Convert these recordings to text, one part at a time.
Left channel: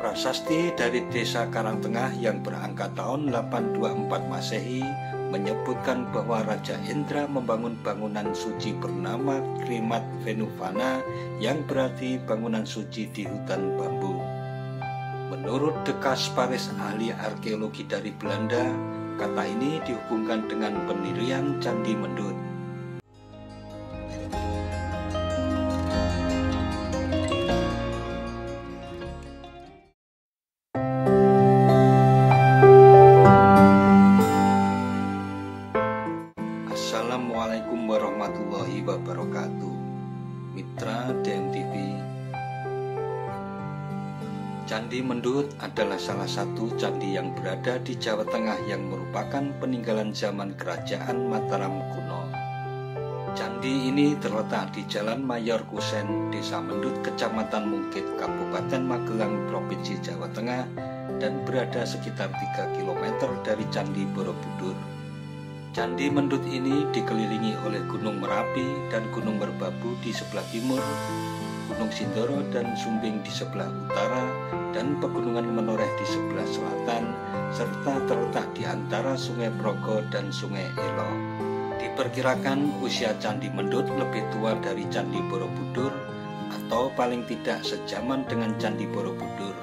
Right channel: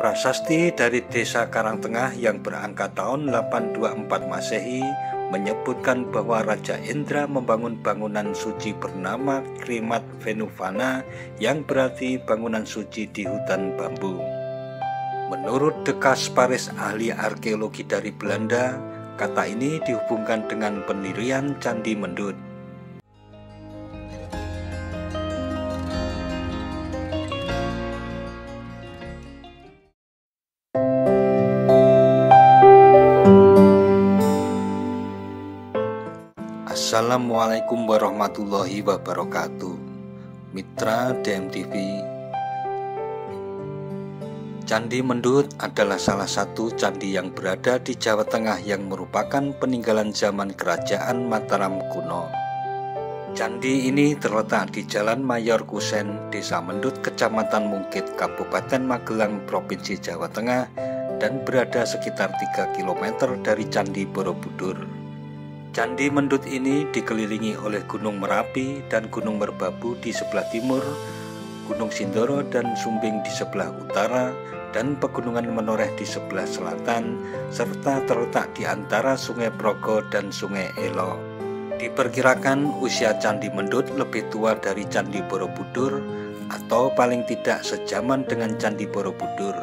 Prasasti dari Desa Karangtengah yang berangka tahun 824 Masehi menyebutkan bahwa Raja Indra membangun bangunan suci bernama Krimat Venuvana yang berarti bangunan suci di hutan bambu. Menurut De Kasparis, ahli arkeologi dari Belanda, kata ini dihubungkan dengan pendirian Candi Mendut. Assalamualaikum warahmatullahi wabarakatuh. Mitra DMTV. Candi Mendut adalah salah satu candi yang berada di Jawa Tengah yang merupakan peninggalan zaman Kerajaan Mataram kuno. Candi ini terletak di Jalan Mayor Kusen, Desa Mendut, Kecamatan Mungkit, Kabupaten Magelang, Provinsi Jawa Tengah, dan berada sekitar 3 km dari Candi Borobudur. Candi Mendut ini dikelilingi oleh Gunung Merapi dan Gunung Merbabu di sebelah timur, Gunung Sindoro dan Sumbing di sebelah utara, dan Pegunungan Menoreh di sebelah selatan, serta terletak di antara Sungai Progo dan Sungai Elo. Diperkirakan usia Candi Mendut lebih tua dari Candi Borobudur atau paling tidak sejaman dengan Candi Borobudur.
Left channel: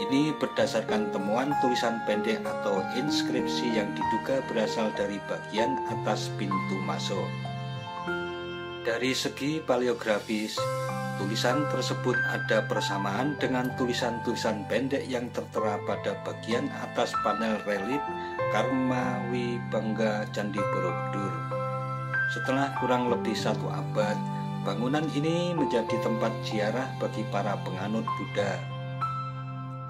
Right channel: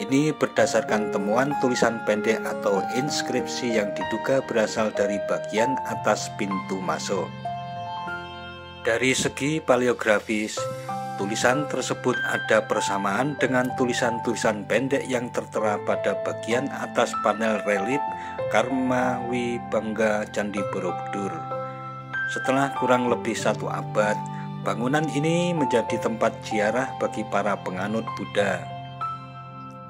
Ini berdasarkan temuan tulisan pendek atau inskripsi yang diduga berasal dari bagian atas pintu masuk. Dari segi paleografis, tulisan tersebut ada persamaan dengan tulisan-tulisan pendek yang tertera pada bagian atas panel relief Karmawibangga Candi Borobudur. Setelah kurang lebih 1 abad, bangunan ini menjadi tempat ziarah bagi para penganut Buddha.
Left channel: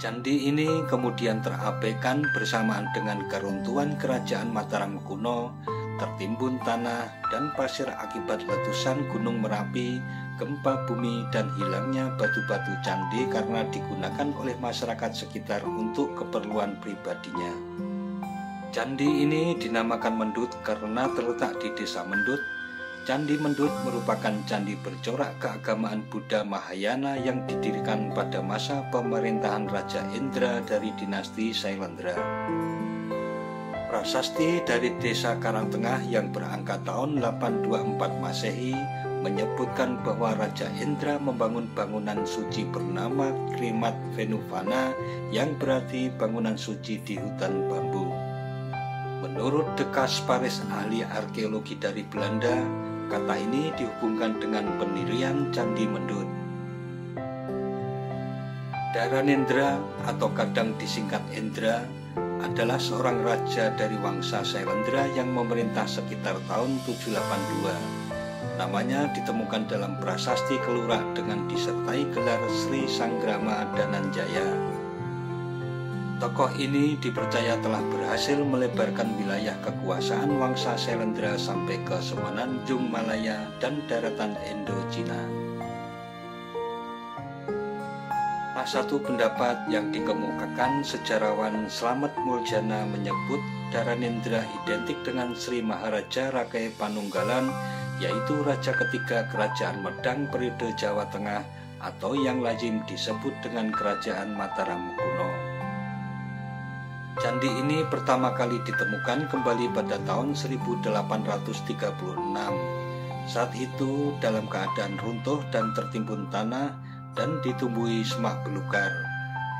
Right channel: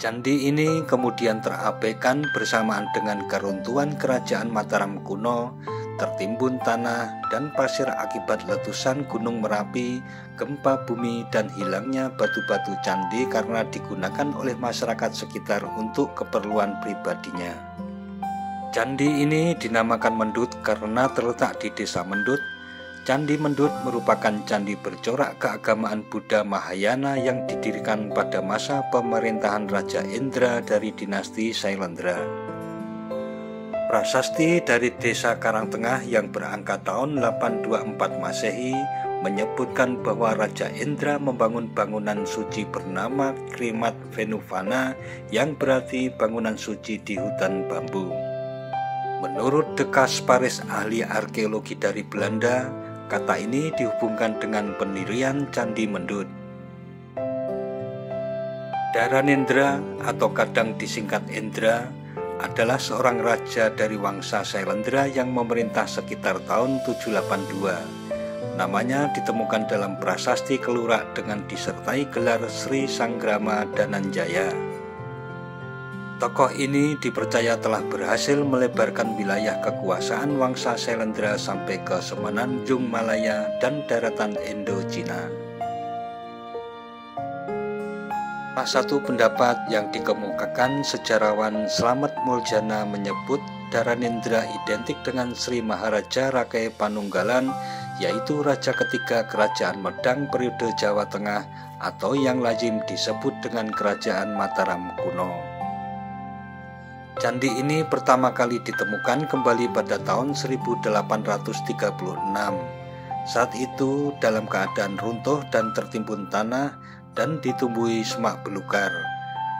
Candi ini kemudian terabaikan bersamaan dengan keruntuhan Kerajaan Mataram kuno, tertimbun tanah dan pasir akibat letusan Gunung Merapi, gempa bumi, dan hilangnya batu-batu candi karena digunakan oleh masyarakat sekitar untuk keperluan pribadinya. Candi ini dinamakan Mendut karena terletak di Desa Mendut. Candi Mendut merupakan candi bercorak keagamaan Buddha Mahayana yang didirikan pada masa pemerintahan Raja Indra dari dinasti Sailendra. Prasasti dari Desa Karangtengah yang berangka tahun 824 Masehi menyebutkan bahwa Raja Indra membangun bangunan suci bernama Krimat Venuvana yang berarti bangunan suci di hutan bambu. Menurut De Kasparis, ahli arkeologi dari Belanda, kata ini dihubungkan dengan pendirian Candi Mendut. Dharanendra atau kadang disingkat Indra adalah seorang raja dari Wangsa Sailendra yang memerintah sekitar tahun 782. Namanya ditemukan dalam prasasti Kelurak dengan disertai gelar Sri Sanggrama Dananjaya. Tokoh ini dipercaya telah berhasil melebarkan wilayah kekuasaan Wangsa Sailendra sampai ke Semenanjung Malaya dan daratan Indo-Cina. Salah satu pendapat yang dikemukakan sejarawan Slamet Muljana menyebut Dharanendra identik dengan Sri Maharaja Rakai Panunggalan, yaitu raja ketiga Kerajaan Medang periode Jawa Tengah atau yang lazim disebut dengan Kerajaan Mataram kuno. Candi ini pertama kali ditemukan kembali pada tahun 1836. Saat itu dalam keadaan runtuh dan tertimbun tanah dan ditumbuhi semak belukar.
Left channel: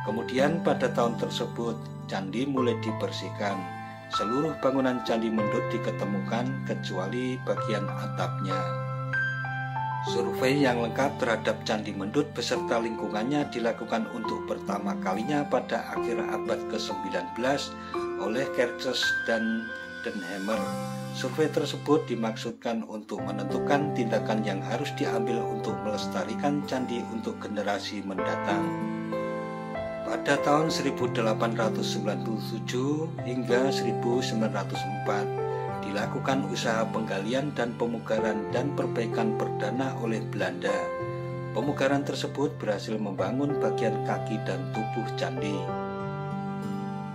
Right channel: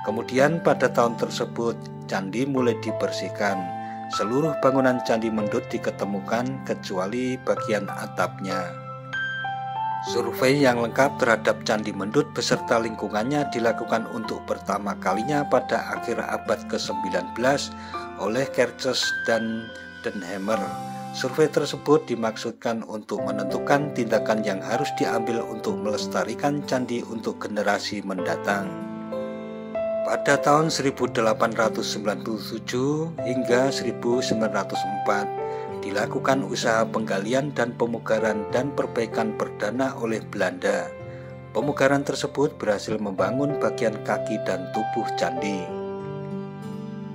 Kemudian pada tahun tersebut candi mulai dibersihkan. Seluruh bangunan Candi Mendut diketemukan kecuali bagian atapnya. Survei yang lengkap terhadap Candi Mendut beserta lingkungannya dilakukan untuk pertama kalinya pada akhir abad ke-19 oleh Kertjes dan Denhammer. Survei tersebut dimaksudkan untuk menentukan tindakan yang harus diambil untuk melestarikan candi untuk generasi mendatang. Pada tahun 1897 hingga 1904 dilakukan usaha penggalian dan pemugaran dan perbaikan perdana oleh Belanda. Pemugaran tersebut berhasil membangun bagian kaki dan tubuh candi.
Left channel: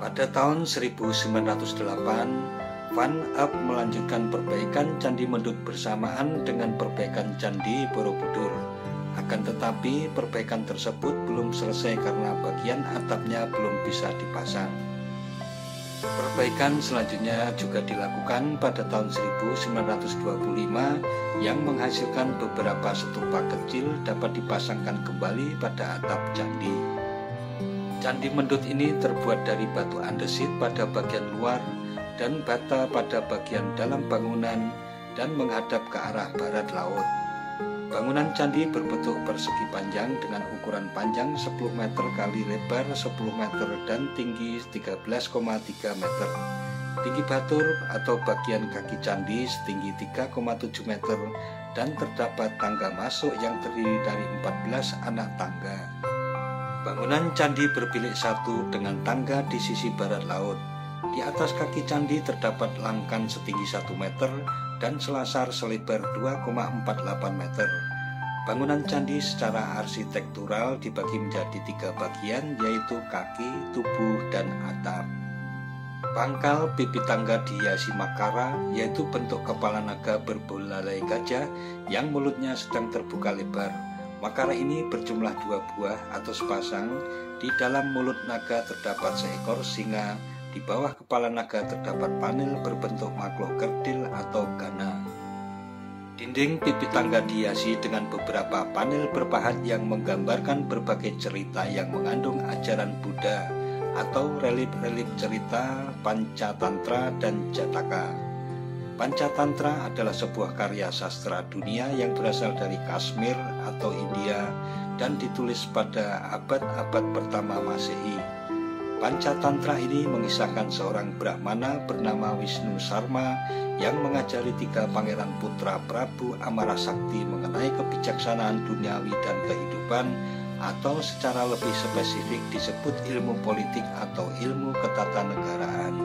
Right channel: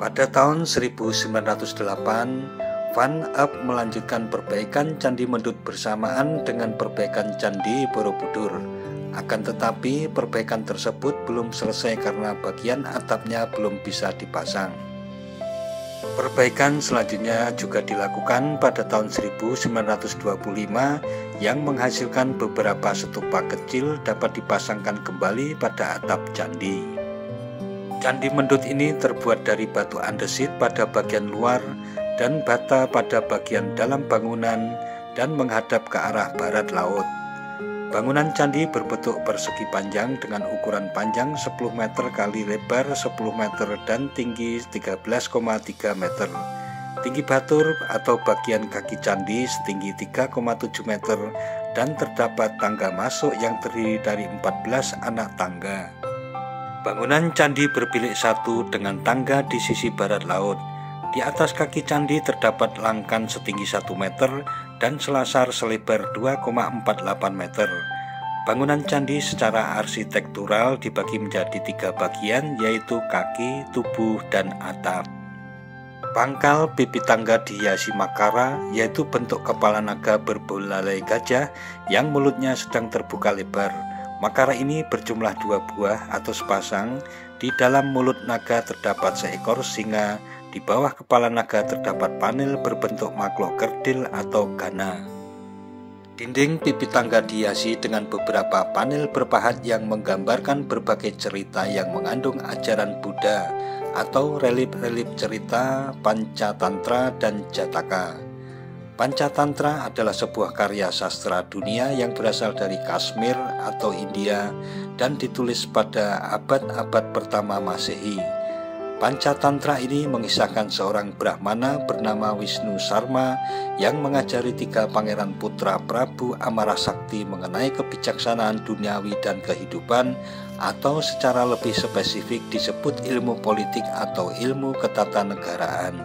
Pada tahun 1908, Van Up melanjutkan perbaikan Candi Mendut bersamaan dengan perbaikan Candi Borobudur. Akan tetapi perbaikan tersebut belum selesai karena bagian atapnya belum bisa dipasang. Perbaikan selanjutnya juga dilakukan pada tahun 1925 yang menghasilkan beberapa stupa kecil dapat dipasangkan kembali pada atap candi. Candi Mendut ini terbuat dari batu andesit pada bagian luar dan bata pada bagian dalam bangunan dan menghadap ke arah barat laut. Bangunan candi berbentuk persegi panjang dengan ukuran panjang 10 meter kali lebar 10 meter dan tinggi 13,3 meter. Tinggi batur atau bagian kaki candi setinggi 3,7 meter dan terdapat tangga masuk yang terdiri dari 14 anak tangga. Bangunan candi berbilik satu dengan tangga di sisi barat laut. Di atas kaki candi terdapat langkan setinggi 1 meter dan selasar selebar 2,48 meter. Bangunan candi secara arsitektural dibagi menjadi 3 bagian, yaitu kaki, tubuh, dan atap. Pangkal pipi tangga dihiasi makara, yaitu bentuk kepala naga berbelalai gajah yang mulutnya sedang terbuka lebar. Makara ini berjumlah 2 buah atau sepasang. Di dalam mulut naga terdapat seekor singa. Di bawah kepala naga terdapat panel berbentuk makhluk kerdil atau gana. Dinding pipi tangga dihiasi dengan beberapa panel berpahat yang menggambarkan berbagai cerita yang mengandung ajaran Buddha atau relip-relip cerita Pancatantra dan Jataka. Pancatantra adalah sebuah karya sastra dunia yang berasal dari Kashmir atau India dan ditulis pada abad-abad pertama Masehi. Pancatantra ini mengisahkan seorang Brahmana bernama Wisnu Sarma yang mengajari 3 pangeran putra Prabu Amarasakti mengenai kebijaksanaan duniawi dan kehidupan, atau secara lebih spesifik disebut ilmu politik atau ilmu ketatanegaraan.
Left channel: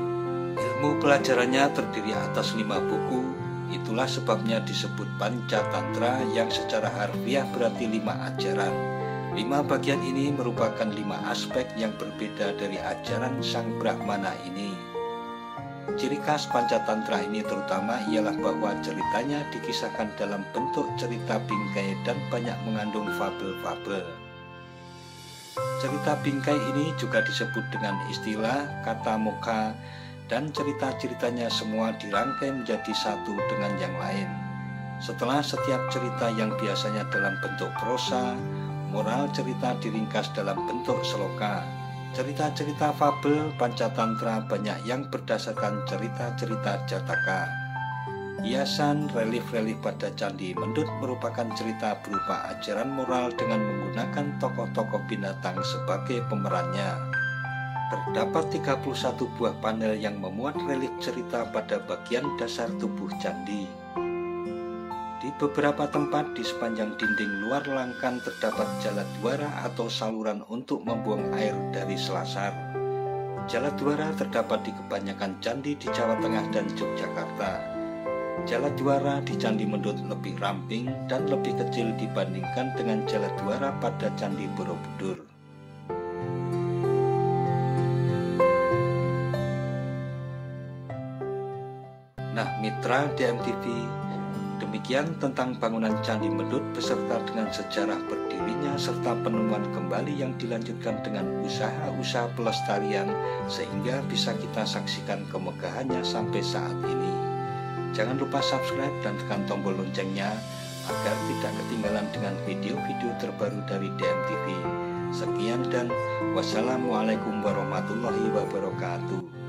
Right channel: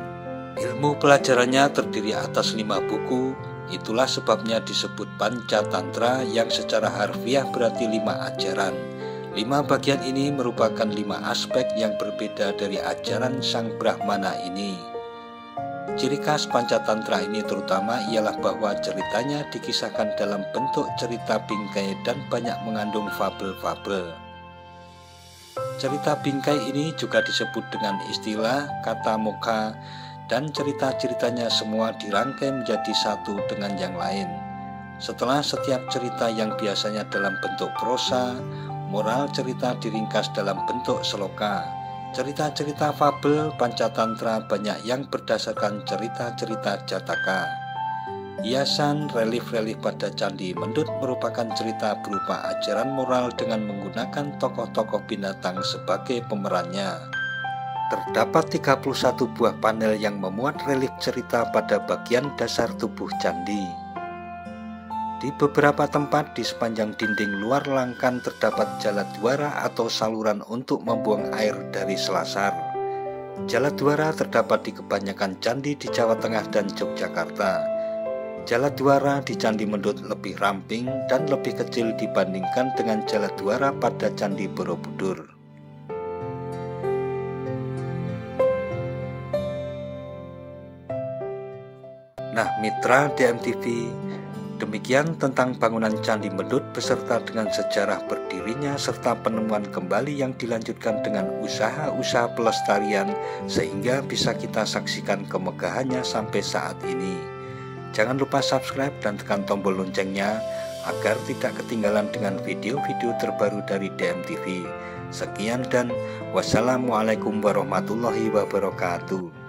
Ilmu pelajarannya terdiri atas 5 buku, itulah sebabnya disebut Pancatantra yang secara harfiah berarti 5 ajaran. 5 bagian ini merupakan 5 aspek yang berbeda dari ajaran sang Brahmana ini. Ciri khas Pancatantra ini terutama ialah bahwa ceritanya dikisahkan dalam bentuk cerita bingkai dan banyak mengandung fabel-fabel. Cerita bingkai ini juga disebut dengan istilah kata mokha, dan cerita-ceritanya semua dirangkai menjadi satu dengan yang lain. Setelah setiap cerita yang biasanya dalam bentuk prosa, moral cerita diringkas dalam bentuk sloka. Cerita-cerita fabel Pancatantra banyak yang berdasarkan cerita-cerita Jataka. Hiasan relief-relief pada Candi Mendut merupakan cerita berupa ajaran moral dengan menggunakan tokoh-tokoh binatang sebagai pemerannya. Terdapat 31 buah panel yang memuat relief cerita pada bagian dasar tubuh candi. Di beberapa tempat di sepanjang dinding luar langkan terdapat jaladwara atau saluran untuk membuang air dari selasar. Jaladwara terdapat di kebanyakan candi di Jawa Tengah dan Yogyakarta. Jaladwara di Candi Mendut lebih ramping dan lebih kecil dibandingkan dengan jaladwara pada Candi Borobudur. Nah, mitra DMTV, demikian tentang bangunan Candi Mendut beserta dengan sejarah berdirinya serta penemuan kembali yang dilanjutkan dengan usaha-usaha pelestarian sehingga bisa kita saksikan kemegahannya sampai saat ini. Jangan lupa subscribe dan tekan tombol loncengnya agar tidak ketinggalan dengan video-video terbaru dari DMTV. Sekian dan wassalamualaikum warahmatullahi wabarakatuh.